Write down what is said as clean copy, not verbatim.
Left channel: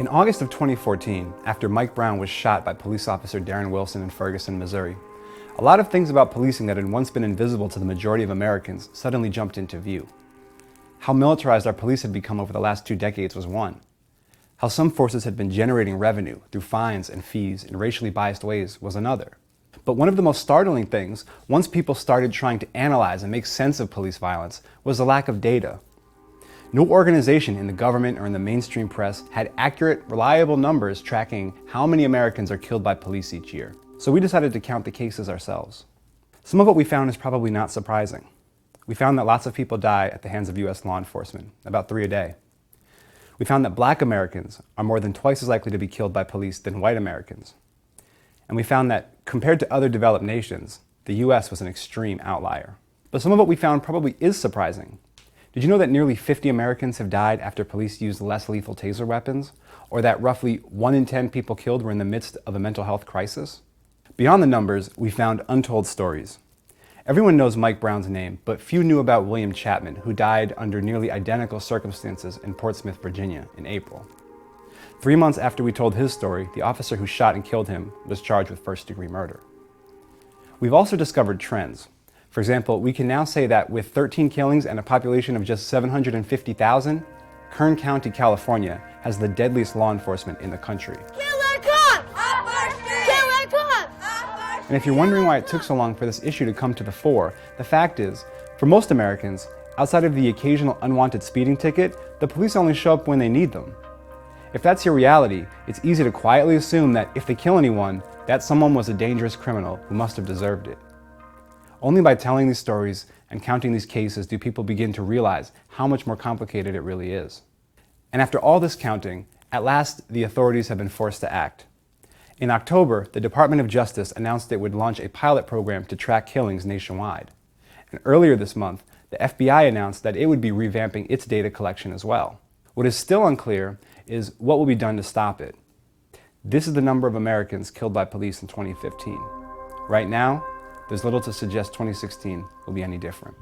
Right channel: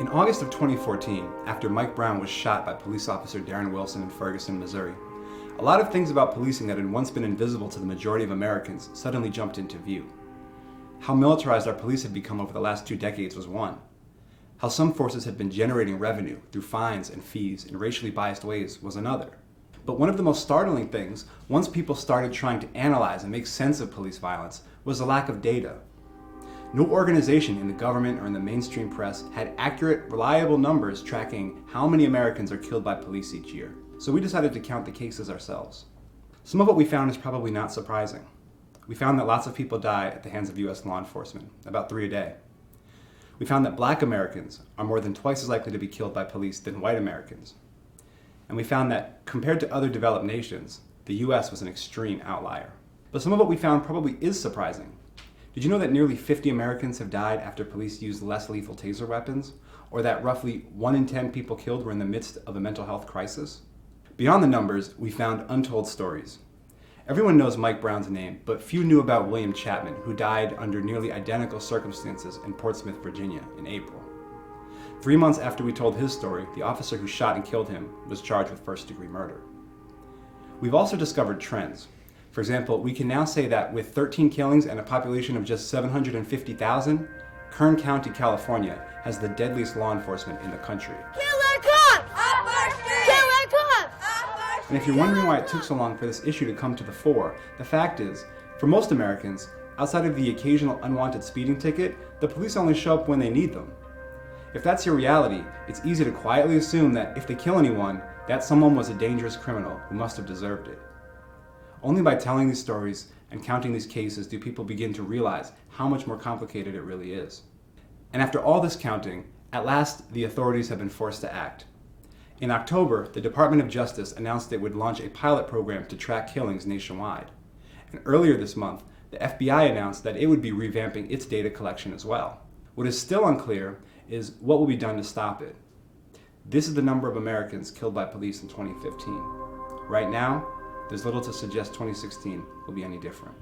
In August of 2014, after Mike Brown was shot by police officer Darren Wilson in Ferguson, Missouri, a lot of things about policing that had once been invisible to the majority of Americans suddenly jumped into view. How militarized our police had become over the last 2 decades was one. How some forces had been generating revenue through fines and fees in racially biased ways was another. But one of the most startling things, once people started trying to analyze and make sense of police violence, was the lack of data. No organization in the government or in the mainstream press had accurate, reliable numbers tracking how many Americans are killed by police each year. So we decided to count the cases ourselves. Some of what we found is probably not surprising. We found that lots of people die at the hands of US law enforcement, about 3 a day. We found that Black Americans are more than twice as likely to be killed by police than white Americans. And we found that, compared to other developed nations, the US was an extreme outlier. But some of what we found probably is surprising. Did you know that nearly 50 Americans have died after police used less lethal taser weapons? Or that roughly 1 in 10 people killed were in the midst of a mental health crisis? Beyond the numbers, we found untold stories. Everyone knows Mike Brown's name, but few knew about William Chapman, who died under nearly identical circumstances in Portsmouth, Virginia in April. 3 months after we told his story, the officer who shot and killed him was charged with first-degree murder. We've also discovered trends. For example, we can now say that with 13 killings and a population of just 750,000, Kern County, California has the deadliest law enforcement in the country. Killer cops! Up our street! Killer cops! Up our street! And if you're wondering why it took so long for this issue to come to the fore, the fact is, for most Americans, outside of the occasional unwanted speeding ticket, the police only show up when they need them. If that's your reality, it's easy to quietly assume that if they kill anyone, that someone was a dangerous criminal who must have deserved it. Only by telling these stories and counting these cases do people begin to realize how much more complicated it really is. And after all this counting, at last the authorities have been forced to act. In October, the Department of Justice announced it would launch a pilot program to track killings nationwide. And earlier this month, the FBI announced that it would be revamping its data collection as well. What is still unclear is what will be done to stop it. This is the number of Americans killed by police in 2015. Right now, there's little to suggest 2016 will be any different.